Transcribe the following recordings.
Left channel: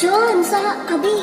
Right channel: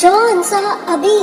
जो अंसा अभी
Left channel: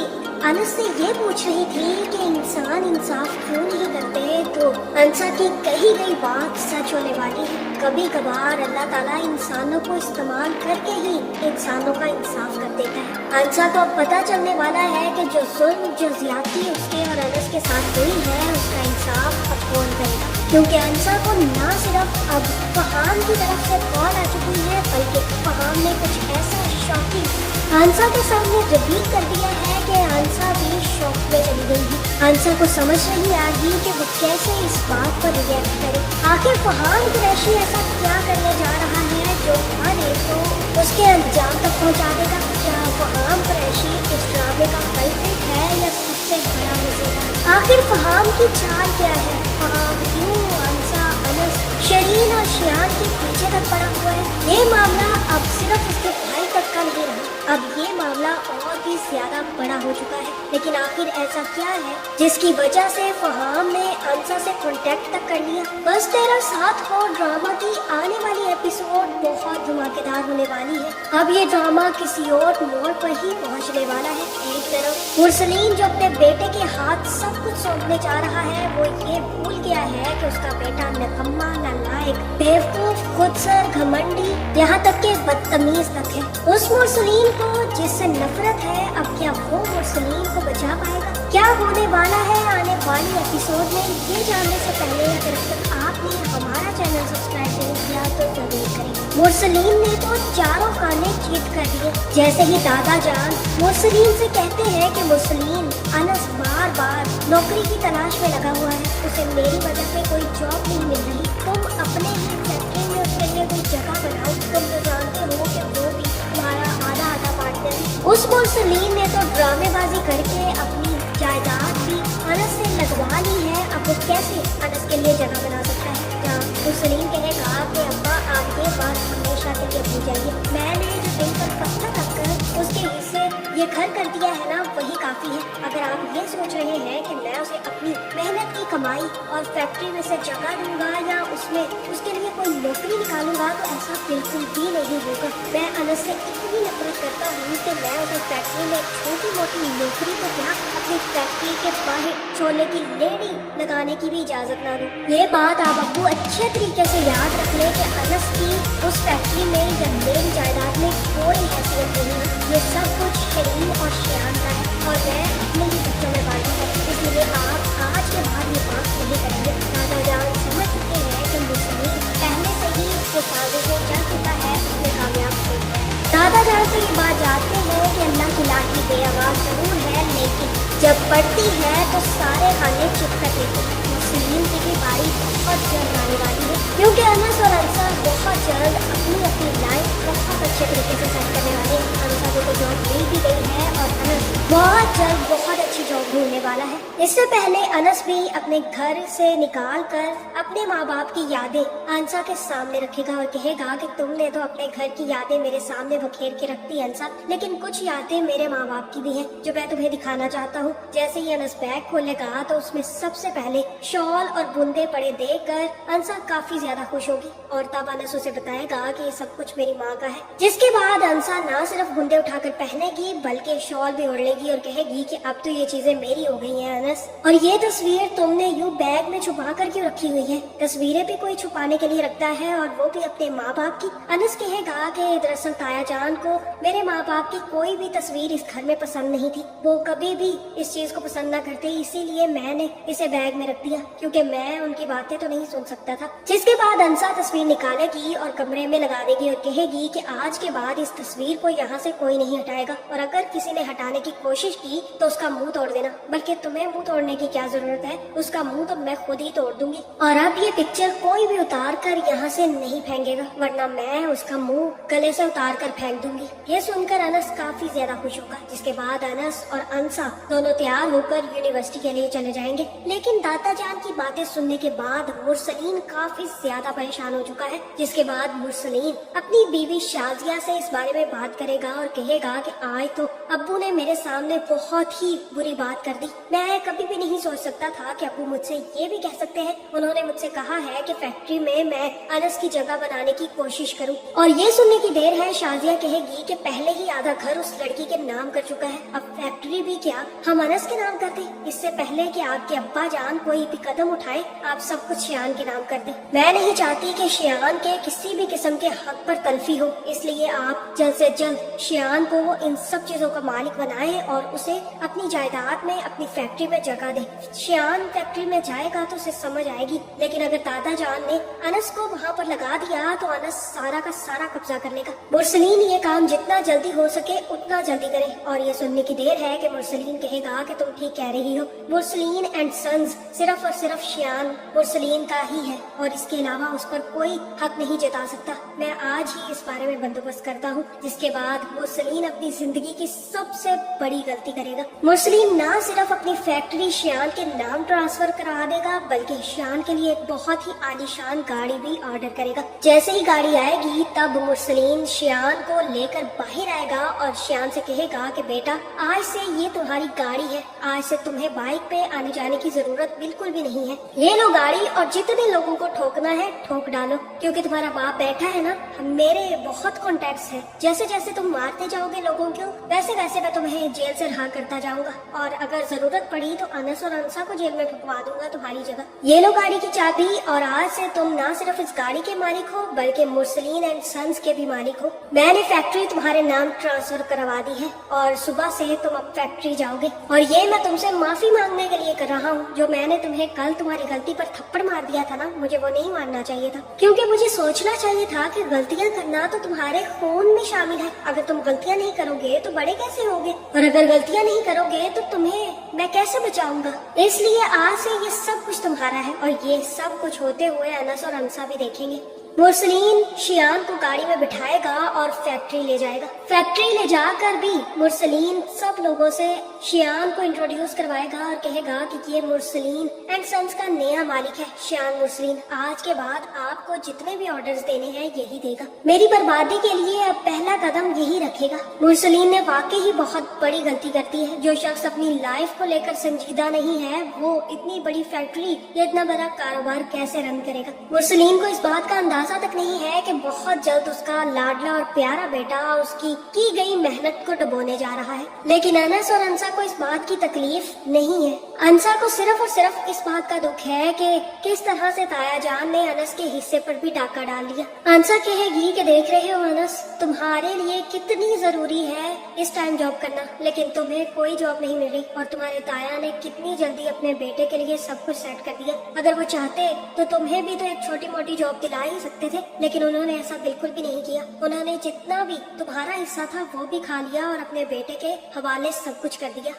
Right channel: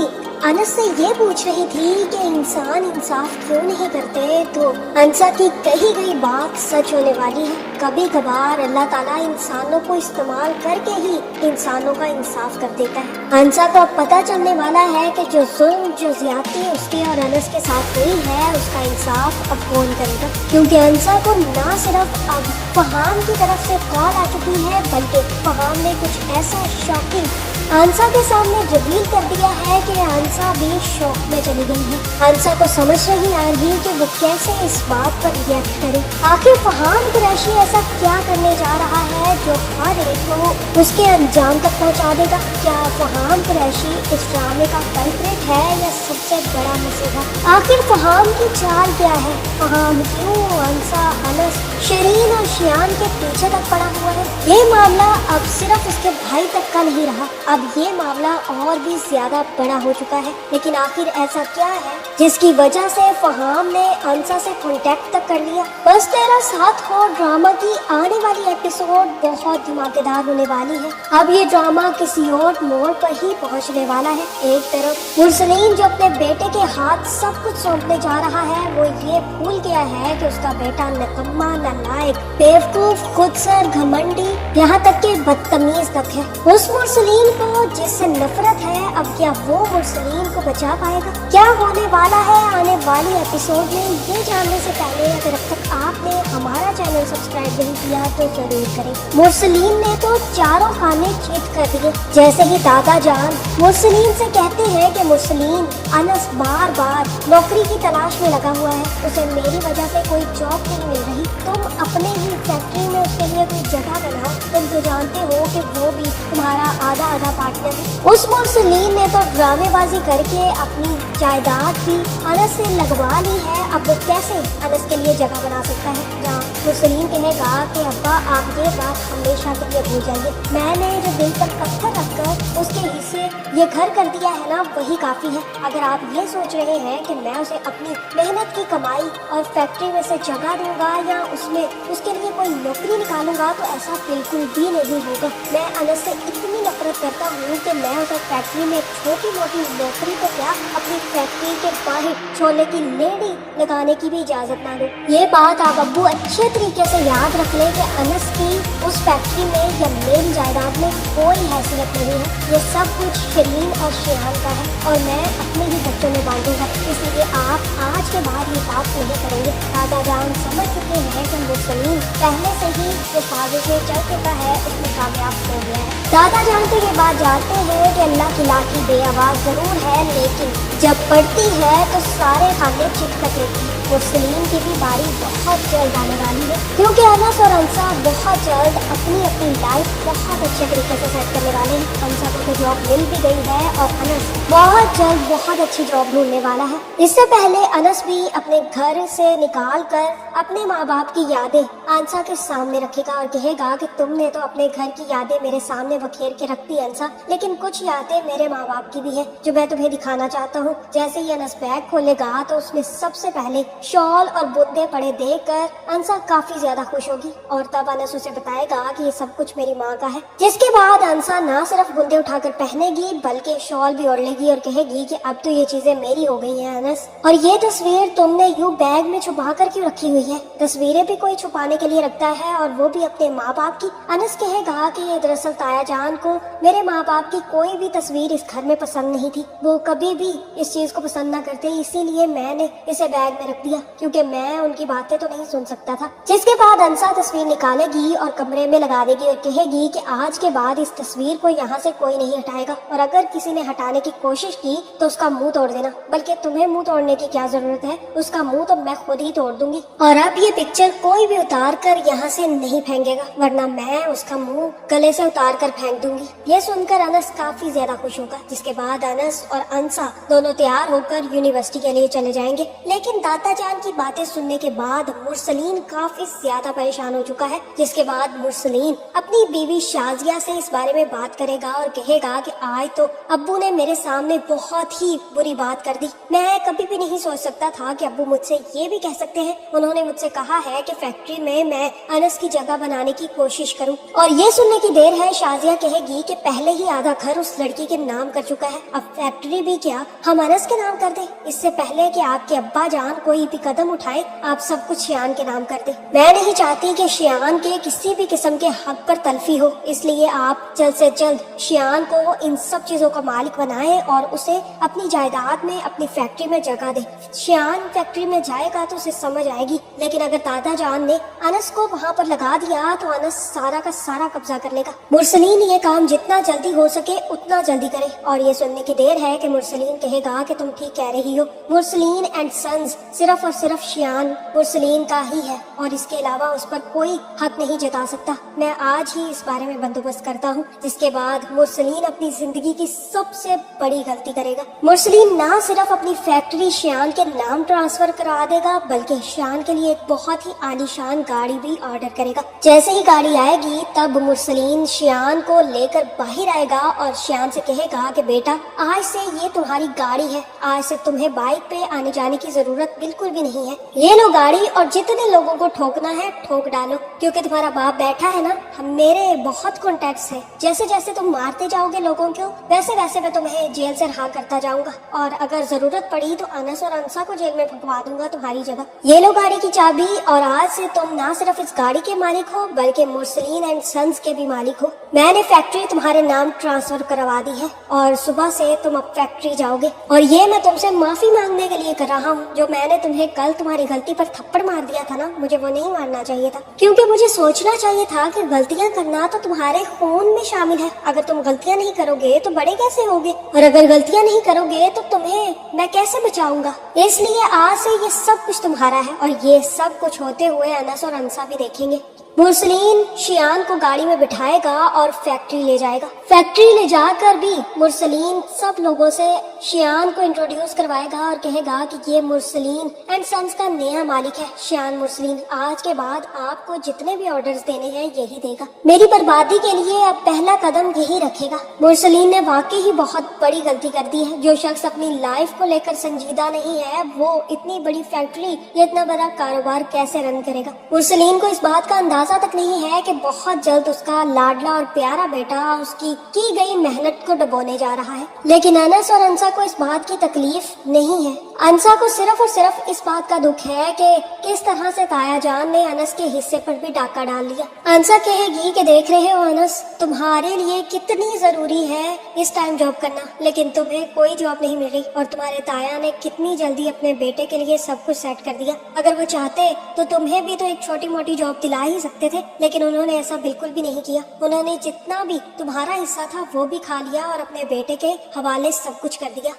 अनस से ये पूछ रही थी कि इंसान इंसाफ क्यों नहीं करते, तो अंसा की कही गई बात सच होने वाली है। कभी कभार अल्लाह ताला इंसानों को इस्तेमाल करके ही इंसानों का इंसाफ कर देता है। अंसा को अब पता चलने वाला है कि जो जुल्म, जो ज्यादती उसके और अनस के साथ हुई है, उसका इंसाफ अब कौन करेगा। क्योंकि अंसा को न सिर्फ अब फहाम की तरफ से कॉल आ चुकी है, बल्कि फहाम ने कुछ ऐसा शॉकिंग अंसा के सामने रिवील कर दिया है कि अंसा भी शौक में चली गई है। अंसा को समझ नहीं आ रही कि वो कैसे इस बात पर रिएक्ट करे। आखिर फहाम कुरैशी ऐसा क्या करने जा रहा है जो हर एक को उसके अंजाम तक पहुंचा देगा। क्या फहाम कुरैशी इस ड्रामे का कल्प्रिट है या सबसे बड़ा मसला? आखिर फहाम की चाल क्या है? फहाम क्यों अंसा, अनस, शरीन और शियान के पीछे तक पड़ा हुआ है? ये मामला अब सिर्फ उसके भाई तक का नहीं रहा, अब ये मामला और भी ज्यादा बड़ा हो चुका है। लेकिन आखिर ऐसा क्या है जिसकी वजह से फहाम ने अंसा से कांटेक्ट तक कर लिया? बस तेरा साथ हो ड्रामा की आने वाली एपिसोड बहुत धमाकेदार होने वाली है। अब ये ड्रामा किसी और मोड़ पर ही पहुंचने वाला है। एक तरफ मुरसलीन जो अपने बेटे के हाथ सब कुछ सौंपने जा रहा है, वो ये भूल गया है कि उसका बेटा निकम्मा, नालायक, बेवकूफ, खुदसर, घमंडी, यहाँ तक के बदतमीज तक है। उस मुरसलीन को जिससे नफरत है, अब क्या वो मुरसलीन को बचा पाएगा? क्या होने वाला है आने वाली एपिसोड में, ये जानने से पहले अगर अब तक आपने हमारा चैनल सब्सक्राइब नहीं किया तो जरूर करें। मुरसलीन ने तो चारों खाने चीट कर दिए। जैसे ही दादा जान मुरसलीन से कहते हैं कि मुरसलीन, अनस बार बार नौकरी की तलाश में लगा हुआ है, उसे मेरी वजह से कोई जॉब नहीं मिल रही, तुम अपने ही फैक्ट्री में उसके लिए कोई जगह बनाओ, तुम तो जानते हो कि वो भी तुम्हारा आधा आधा पार्टनर है। उस मुरसलीन ने तो ड्रामेबाजी करके अपनी जायदाद भी अनस से लगवा ली है। अब वो कैसे अनस के लिए जगह बना सकता है? जहाँ मुरसलीन कहेगा कि अब्बा आप ये बात हमेशा के लिए भूल जाएंगे, मैंने जो दिल पर पत्थर रखकर उसके हिस्से ये घर कर दिया है ना, वही काफी है। अगर आप ये सोच रहे हैं कि मैं उसे अपनी मेहनत की कमाई और फैक्ट्री में से जगह दूंगा या उसमें उसके लिए कोई नौकरी निकालूंगा, तो ऐसा बिल्कुल भी नहीं होगा। मैं अनस से इतनी नफरत करता हूँ कि मैं उसे फैक्ट्री में छोटी मोटी नौकरी को क्या, अपनी फैक्ट्री के बाहर छोले की लेडी लगाने की भी इजाजत ना दो। ये बात आप अब्बू अच्छे तरीके से याद रख ले कि अनस की उस फैक्ट्री में या मेरी जायदाद में कोई हैसियत नहीं है। ये सब कुछ शरीन और शियान का है और मैं अपने ही बच्चों में बांटूंगा। इसलिए आप आज के बाद ये बात नहीं करेंगे। दादा जान समझ सकते हैं कि मुरसलीन पहले से ही जो साजिशें चल चुका है उसमें कामयाब हो गया है। दादा जान तो ये बात जानते हैं कि अल्लाह की लाठी बेआवाज जरूर है, लेकिन जब पड़ती है तो सारे खाने चिपक लेते हैं। मुरसलीन की बारी बहुत जल्द आने वाली है, क्योंकि अनस और अंसा बहुत जल्द अपनी अपनी लाइफ बहुत अच्छे तरीके से सेट करने वाले हैं। अंसा को तो जॉब मिल भी गई है और अनस बहुत जल्द बहुत अच्छी जॉब ढूंढने वाला है। इससे पहले अनस भी अपने घर से निकाल कर अपने माँ बाप की यादें अंसा के सामने रखेगा और कहेगा कि तुमने तो अपने घर की यादें मेरे सामने बखेर के रख दी अंसा, लेकिन कुछ यादें मेरे माँ बाप की भी है जो मैं तुम्हें दिखाना चाहता हूँ। जैसे ही अनस बैग खोलेगा तो उसमें सबसे पहले शॉल और बुंदे पड़े देखकर अंसा काफी ज्यादा खुश होगी और तब अनस उसे बताएगा कि ये सब कुछ मेरी माँ का है। जिसके बाद अंसा ना सिर्फ बुंदे उठाकर पहनेगी बल्कि शॉल भी ओढ़ लेगी और कहेगी कि अब तो ये चीजें मेरी हो गई हैं अनस, और ये तस्वीर तुमने यूं बैग में छुपा कर क्यों रखी हुई है? तस्वीरें भी कोई छुपाने के लिए रखता है और वो भी अपने माँ बाप की। अनस कहेगा कि दरअसल ताया जान को मेरे माँ बाप की कोई भी तस्वीर इस घर में पसंद नहीं थी, वो कभी भी इस चीज को पसंद ना करते, इसीलिए मैंने इसे बैग में रख दिया क्योंकि मैं उनकी बातें तो नहीं सुन सकता था। जिसके बाद अंसा तस्वीर निकालेगी और कमरे में लगा देगी और कहेगी कि आज के बाद इस तस्वीर को यहाँ से कोई नहीं हटाएगा और अगर किसी ने हटाने की कोशिश की तो उसका मुंह तोड़ देना, बल्कि तुम्हें मुंह तोड़ने की क्या जरूरत है, उसका मुंह तो मैं खुद ही तोड़ दूंगी। और अब ये पिक्चर कोई भी उतार कर यहाँ से नहीं फेंकेगा, वरना मैं उसका मुंह गले से उतार कर फेंक दूंगी। ये सुनकर अनस काफी ज्यादा खुश होगा। जिसके बाद अनस और अंसा दोनों तैयार होकर यूनिवर्सिटी के लिए चले जाएंगे। लेकिन दादा जान की बातें सुनने के बाद मुरसलीन काफी ज्यादा परेशान हो चुका है। जिसके बाद मुरसलीन अपनी बीवी शाजिया से इस बारे में बात करेगा और कहेगा कि आज तो अब्बू ने मेरे साथ सामने बहुत ही बुरी बात कर दी। मैं कभी भी नहीं सोच सकता था कि अब्बू मुझसे ये भी कह सकते हैं। उन्होंने मुझसे कहा है कि फैक्ट्री में मैं अनस की जगह बनाने की कोशिश करूं। और ये सुनने की देर है शाजिया कहेगी कि पहले ही आधा घर उस लड़की के नाम कर चुका है, अब फैक्ट्री भी क्या हम अनस के नाम कर दे। इससे पहले कि आपके अब्बा जान कोई भी कदम उठाए, आप सब कुछ शियान के नाम कर दे। मैं नहीं चाहती कि शियान के किसी भी किस्म के हक पर तलफी हो, इसलिए आप जल्द से जल्द शियान को इन सब चीजों का मालिक बनाए और उसे अपनी जायदाद में, अपनी फैक्ट्री में जगह दे। शियान फैक्ट्री में जाएगा तो उसे समझ आएगी, लेकिन अगर दादा जान ने अनस को वहाँ पर लगा दिया तो अनस सारा का सारा कब्जा कर लेगा। मुरसलीन ये काम जितना जल्दी हो सके उतना जल्दी करे। और ये सुनने की देर है कि मुरसलीन कहेगा कि तुम ठीक कह रही हो। मुरसलीन एंड सन्स सिर्फ और सिर्फ शियान मुरसलीन का ही है और इसके अलावा उस पर कोई हक नहीं जता सकता। मैं आज ही इस बारे में बंदोबस्त करता हूँ, जिसके बाद मुरसलीन अपनी जिंदगी की सबसे बड़ी गलती करेगा। मुरसलीन ना सिर्फ अपनी फैक्ट्री शियान के नाम ट्रांसफर करा देगा, बल्कि शियान के लिए एक बहुत ही आलीशान गाड़ी भी ऑर्डर करेगा। जैसे ही गाड़ी आएगी तब मुरसलीन शियान को लेकर बाहर आएगा और शियान से कहेगा कि बेटा, आज से ये तुम्हारी गाड़ी है, आज से तुम्हें बाइक पे आने जाने की जरूरत बिल्कुल भी नहीं है। ये लो गाड़ी और जितने लोगों को ठोकना है ठोक डालो, क्योंकि तुम्हारा बाप बैठा है ना, मेरे बहुत कॉन्टेक्ट्स है। जैसे जैसे तुम मारते जाओगे लोगों को, वैसे वैसे मैं तुम्हें जेल से रहा करता जाऊंगा और अगर जरूरत पड़ी तो अनस और अंसा को जेल में ठुकवा दूंगा तुम्हारी जगह। ये लो गाड़ी की चाबी और आज से तुम ना सिर्फ इस गाड़ी के मालिक हो बल्कि मुरसलीन एंड सन्स के भी मालिक हो। मैंने फैक्ट्री तुम्हारे नाम ट्रांसफर करवा दी है और सुबह से तुम अब फैक्ट्री जाओगे। और ये मैं तुमसे माफी मांगने के लिए कर रहा हूँ। जो मैंने तुम्हें कल तुम्हारी गलती पर थप्पड़ मार दिया था ना, मुझे वो नहीं मारना चाहिए था, क्योंकि मुझे सोचना चाहिए था कि गलतियाँ करना तो तुम्हारे खून में शामिल है। अगर तुम गलतियाँ नहीं करोगे तो बड़े कैसे होगे, और अगर गलतियाँ नहीं करोगे तो तुम्हें मैं कैसे बचाऊंगा। इसलिए आज से ये सब कुछ तुम्हारा है और ये सब कुछ होते हुए अनस और अंसा भी देखेंगे। मुरसलीन शियान को गाड़ी में बिठाएगा और फैक्ट्री ले जाएगा। फैक्ट्री ले जाकर भी मुरसलीन सब लोगों से शियान को इंट्रोड्यूस करवाएगा और कहेगा कि ये मुरसलीन एंड सन्स का नया मालिक है शियान मुरसलीन। आज के बाद आपको जितने भी ऑर्डर्स देने हैं यही देगा, मेरी बर्बादी के लिए अब पहला कदम यही रखेगा। मुरसलीन ने वाकई ही बहुत बड़ी गलती कर दी है। जो शख्स अपनी लाइफ को लेकर संजीदा नहीं है वो इतनी बड़ी फैक्ट्री या इतना बड़ा कारोबार कैसे रन करेगा। मुरसलीन को इस बात का अंदाजा तक नहीं है कि बहुत जल्द उसका लाडला और प्यारा बेटा उसकी की गई मेहनत को डुबोने जा रहा है। लेकिन अनस और अंसा को इस बात की तकलीफ नहीं है। अंसा को सिर्फ और सिर्फ इस बात का दुख है कि किस तरह से ताया जान ने अनस के हिस्से पर भी डाका डाल लिया। अंसा कहेगी कि देख रहे हो अनस, तुम्हारे लिए कितनी जरूरी है इस टाइम जॉब करना, लेकिन तुम्हें कोई जॉब नहीं मिल रही और तुम्हारे ताया ने कितनी जल्दी अपने बेटे के लिए सब कुछ सेट कर दिया। अगर वो चाहते तो तुम्हें भी तो एक छोटी मोटी जॉब दिला ही सकते थे, लेकिन उन्होंने ऐसा बिल्कुल भी नहीं किया। उन्होंने जितना भी तुम्हारा हिस्सा था वो भी खा लिया और अपने बेटे के हवाले सब कुछ कर दिया।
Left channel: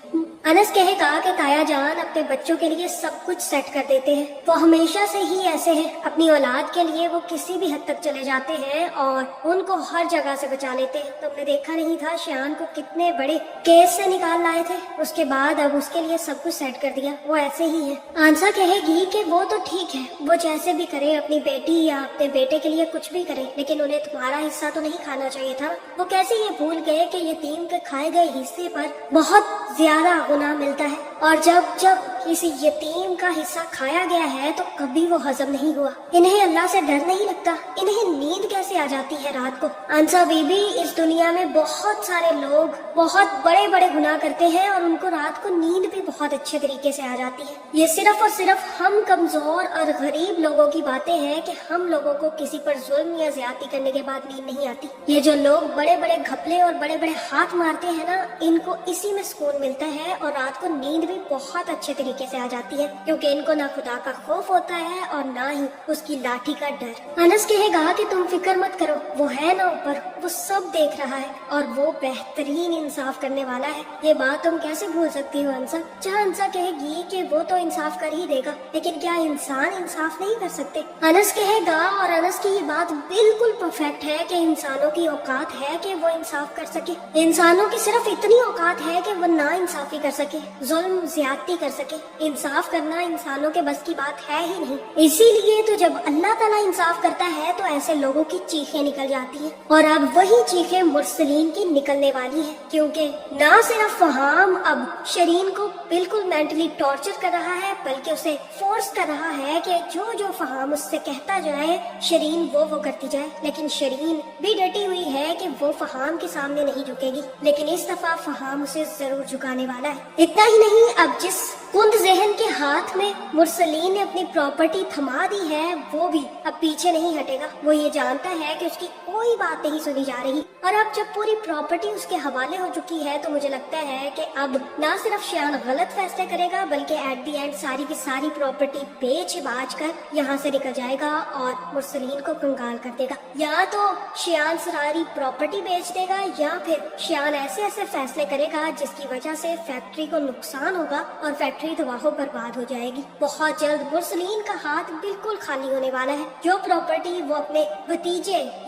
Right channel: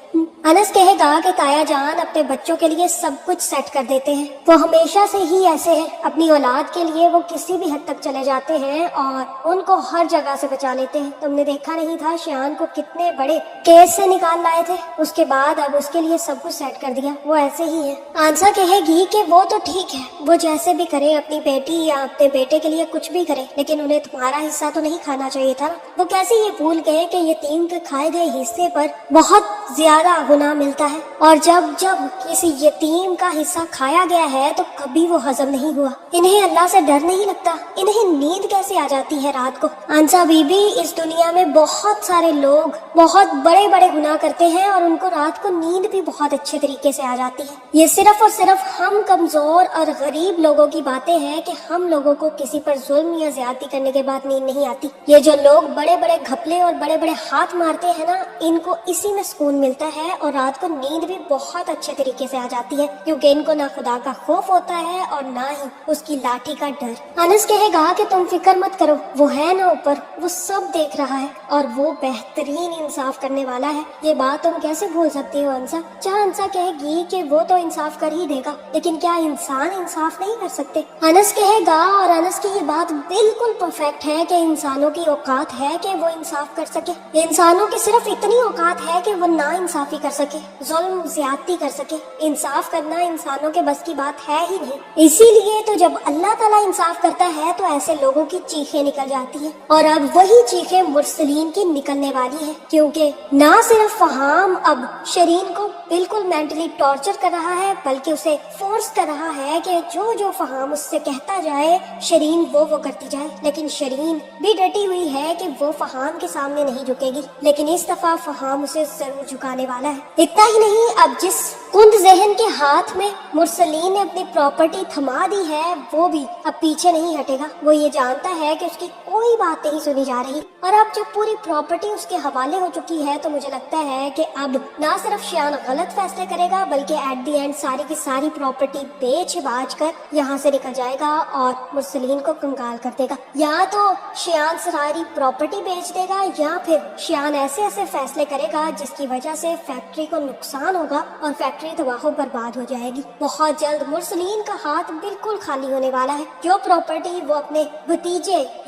अनस कहेगा कि ताया जान अपने बच्चों के लिए सब कुछ सेट कर देते हैं, वो हमेशा से ही ऐसे हैं। अपनी औलाद के लिए वो किसी भी हद तक चले जाते हैं और उनको हर जगह से बचा लेते हैं। तुमने देखा नहीं था शियान को कितने बड़े केस से निकाल लाए थे, उसके बाद अब उसके लिए सब कुछ सेट कर दिया। वो ऐसे ही है। आंसा कहेगी कि वो तो ठीक है, वो जैसे भी करे, अपनी बेटी या अपने बेटे के लिए कुछ भी करे, लेकिन उन्हें तुम्हारा हिस्सा तो नहीं खाना चाहिए था। वो कैसे ये भूल गए कि यतीम के खाए गए हिस्से पर बहुत ज्यादा गुनाह मिलता है, और जब जब किसी यतीम का हिस्सा खाया गया है तो कभी वो हजम नहीं हुआ। इन्हें अल्लाह से डर नहीं लगता, इन्हें नींद कैसे आ जाती है रात को। अंसा बीबी, इस दुनिया में बहुत सारे लोग बहुत बड़े बड़े गुनाह करते हैं और उनको रात को नींद भी बहुत अच्छे तरीके से आ जाती है। ये सिर्फ और सिर्फ हम कमजोर और गरीब लोगों की बातें हैं कि हम लोगों को किसी पर जुल्म या ज्यादती करने के बाद नींद नहीं आती। ये जो लोग बड़े बड़े घपले और बड़े बड़े हाथ मारते हैं ना, इनको इसी में सुकून मिलता है और रात को नींद भी बहुत अच्छे तरीके से आ जाती है, क्योंकि इनको ना खुदा का खौफ होता है और ना ही उसकी लाठी का डर। अनस कहेगा कि तुम फिक्र मत करो, वो है ना ऊपर, वो सब देख रहा है और वो बेहतरीन इंसाफ करने वाला है। ये बात तुम कैसे भूल सकती हो अंसा। चाहे अंसा कहेगी कि वो तो इंसाफ कर ही देगा, लेकिन क्या इंसान इंसाफ नहीं कर सकते। अनस कहेगा और انس کی یہ بات بالکل پرفیکٹ ہے کہ انسانوں کی اوقات ہے کہ وہ انصاف کر سکے. انسانوں کی صرف اتنی اوقات ہے کہ وہ نا انصافی کر سکے, ظلم زیادتی کر سکے. انصاف کرنا انسانوں کے بس کی بات ہے ہی نہیں. اسی لیے تو جب اللہ تعالیٰ انصاف کرتا ہے تو ایسے لوگوں کی چیخیں نکل جاتی ہیں, اور اب وہی چیخیں مرسلین کی نکلنے والی ہیں, کیونکہ نہ صرف فہام اب شرین کو بالکل مینٹلی ٹارچر کر رہا ہے بلکہ اسے فورس کر رہا ہے کہ جو فہام اس سے کہتا جائے شرین وہ کرتی جائے. لیکن شرین بھی ڈٹی ہوئی ہے کہ وہ فہام کے سامنے نہیں جھکے گی, لیکن اس دفعہ فہام اسے ضرور جھکانے والا ہے. اتنا ہی نہیں, اب جس کند ذہن کے ہاتھ میں مرسلین نے اپنی پراپرٹی تھما دی ہے وہ بھی اب پیچھے نہیں ہٹے گا. وہ یہ جانتا ہے کہ اس کی کوئی بات نہیں سنی جا رہی, اور اب جب پوری پراپرٹی اس کے حوالے ہو چکی ہے تو مجھے لگتا ہے کہ اب نہ صرف شیان غلط فیصلے کرے گا بلکہ ایٹ دی اینڈ ساری کی ساری پراپرٹی بیچ باچ کر یہاں سے نکل جائے گا اور مرسلین کو کنگال کر دے گا. یا تو شیان ساری پراپرٹی بیچ دے گا یا پھر شیان ایسے فیصلے کرے گا جس کی وجہ سے فیکٹری کو نقصان ہوگا اور فیکٹری تباہ و برباد ہو جائے گی. بہت جلد مرسلین کا ہاتھ بالکل خالی ہونے والا ہے. جو پراپرٹی وہ اپنے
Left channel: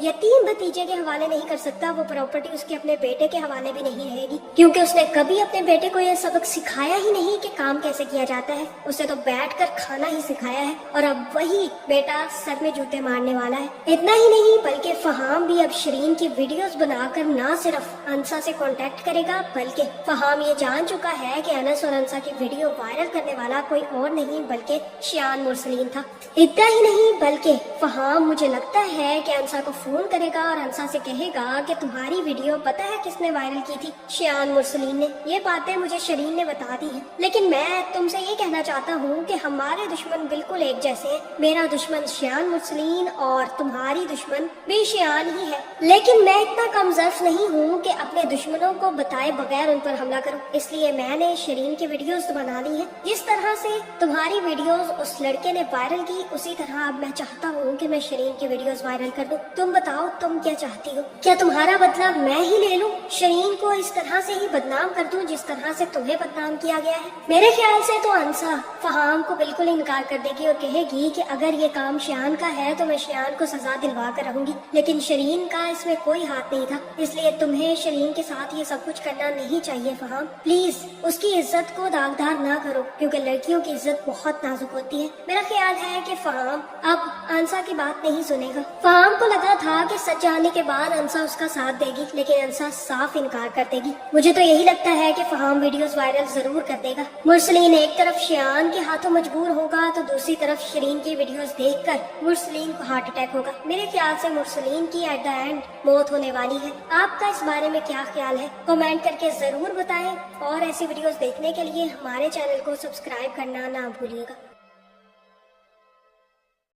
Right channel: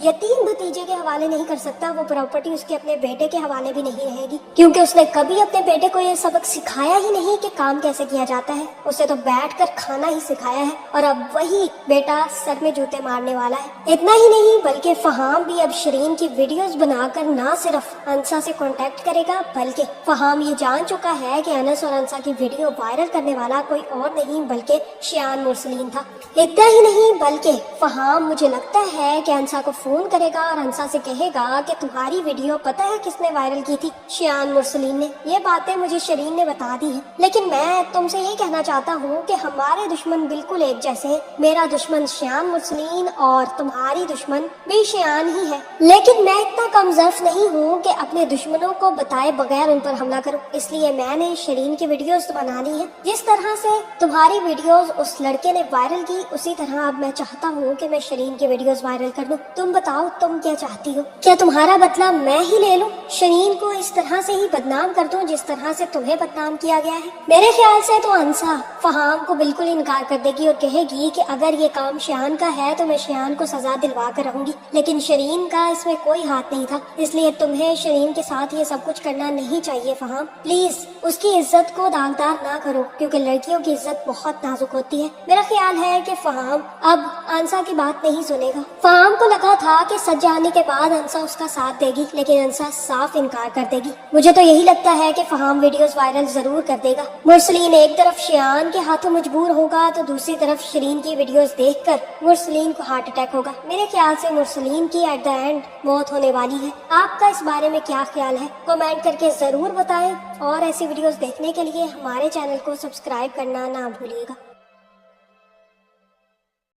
یتیم بھتیجے کے حوالے نہیں کر سکتا, وہ پراپرٹی اس کے اپنے بیٹے کے حوالے بھی نہیں رہے گی, کیونکہ اس نے کبھی اپنے بیٹے کو یہ سبق سکھایا ہی نہیں کہ کام کیسے کیا جاتا ہے. اسے تو بیٹھ کر کھانا ہی سکھایا ہے, اور اب وہی بیٹا سر میں جوتے مارنے والا ہے. اتنا ہی نہیں بلکہ فہام بھی اب شرین کی ویڈیوز بنا کر نہ صرف انسا سے کانٹیکٹ کرے گا بلکہ فہام یہ جان چکا ہے کہ انس اور انسا کی ویڈیو وائرل کرنے والا کوئی اور نہیں بلکہ شیان مرسلین تھا. اتنا ہی نہیں بلکہ فہام مجھے لگتا ہے کہ انسا کو فون کرے گا اور انسا سے کہے گا کہ تمہاری ویڈیو پتہ ہے کس نے وائرل کی تھی؟ شیان مرسلین نے. یہ باتیں مجھے شرین نے بتا دی ہیں, لیکن میں تم سے یہ کہنا چاہتا ہوں کہ ہمارے دشمن بالکل ایک جیسے ہیں. میرا دشمن شیان مرسلین اور تمہاری دشمن بھی شیان ہی ہے, لیکن میں اتنا کم ظرف نہیں ہوں کہ اپنے دشمنوں کو بتائے بغیر ان پر حملہ کروں. اس لیے میں نے شرین کی ویڈیوز بنانی ہے. جس طرح سے تمہاری ویڈیوز اس لڑکے نے وائرل کی اسی طرح اب میں چاہتا ہوں کہ میں شرین کی ویڈیوز وائرل کر دوں. تم بتاؤ تم کیا چاہتی ہو؟ کیا تمہارا بدلہ میں ہی لے لوں, شرین کو اس طرح سے ہی بدنام کر دوں جس طرح سے تمہیں بدنام کیا گیا ہے؟ میرے خیال سے تو انسا فہام کو بالکل انکار کر دے گی اور کہے گی کہ اگر یہ کام شیان کا ہے تو میں شیان کو سزا دلوا کر رہوں گی, لیکن شرین کا اس میں کوئی ہاتھ نہیں تھا, اس لیے تمہیں شرین کے ساتھ یہ سب کچھ کرنا نہیں چاہیے. فہام پلیز اس کی عزت کو داغدار نہ کرو, کیونکہ لڑکیوں کی عزت بہت نازک ہوتی ہے. میرا خیال ہے کہ فہام اب انسا کی بات نہیں سنے گا. فہام کو لگا تھا کہ سچ جانے کے بعد انسا اس کا ساتھ دے گی, لیکن انسا صاف انکار کر دے گی. مجھے تو یہی لگتا ہے کہ فہام ویڈیوز وائرل ضرور کر دے گا. مرسلین ایک طرف شیان کے ہاتھوں مجبور ہوگا تو دوسری طرف شرین کی ویڈیوز دیکھ کر مرسلین کو ہارٹ اٹیک ہوگا. میرے خیال سے مرسلین کی ایٹ دا اینڈ موت ہونے والی ہے. آپ کا اس بارے میں کیا خیال ہے؟ کمنٹ کر کے ضرور بتائیں, اور ایسی ویڈیوز دیکھنے کے لیے ہمارے چینل کو سبسکرائب کرنا نہ بھولیے گا.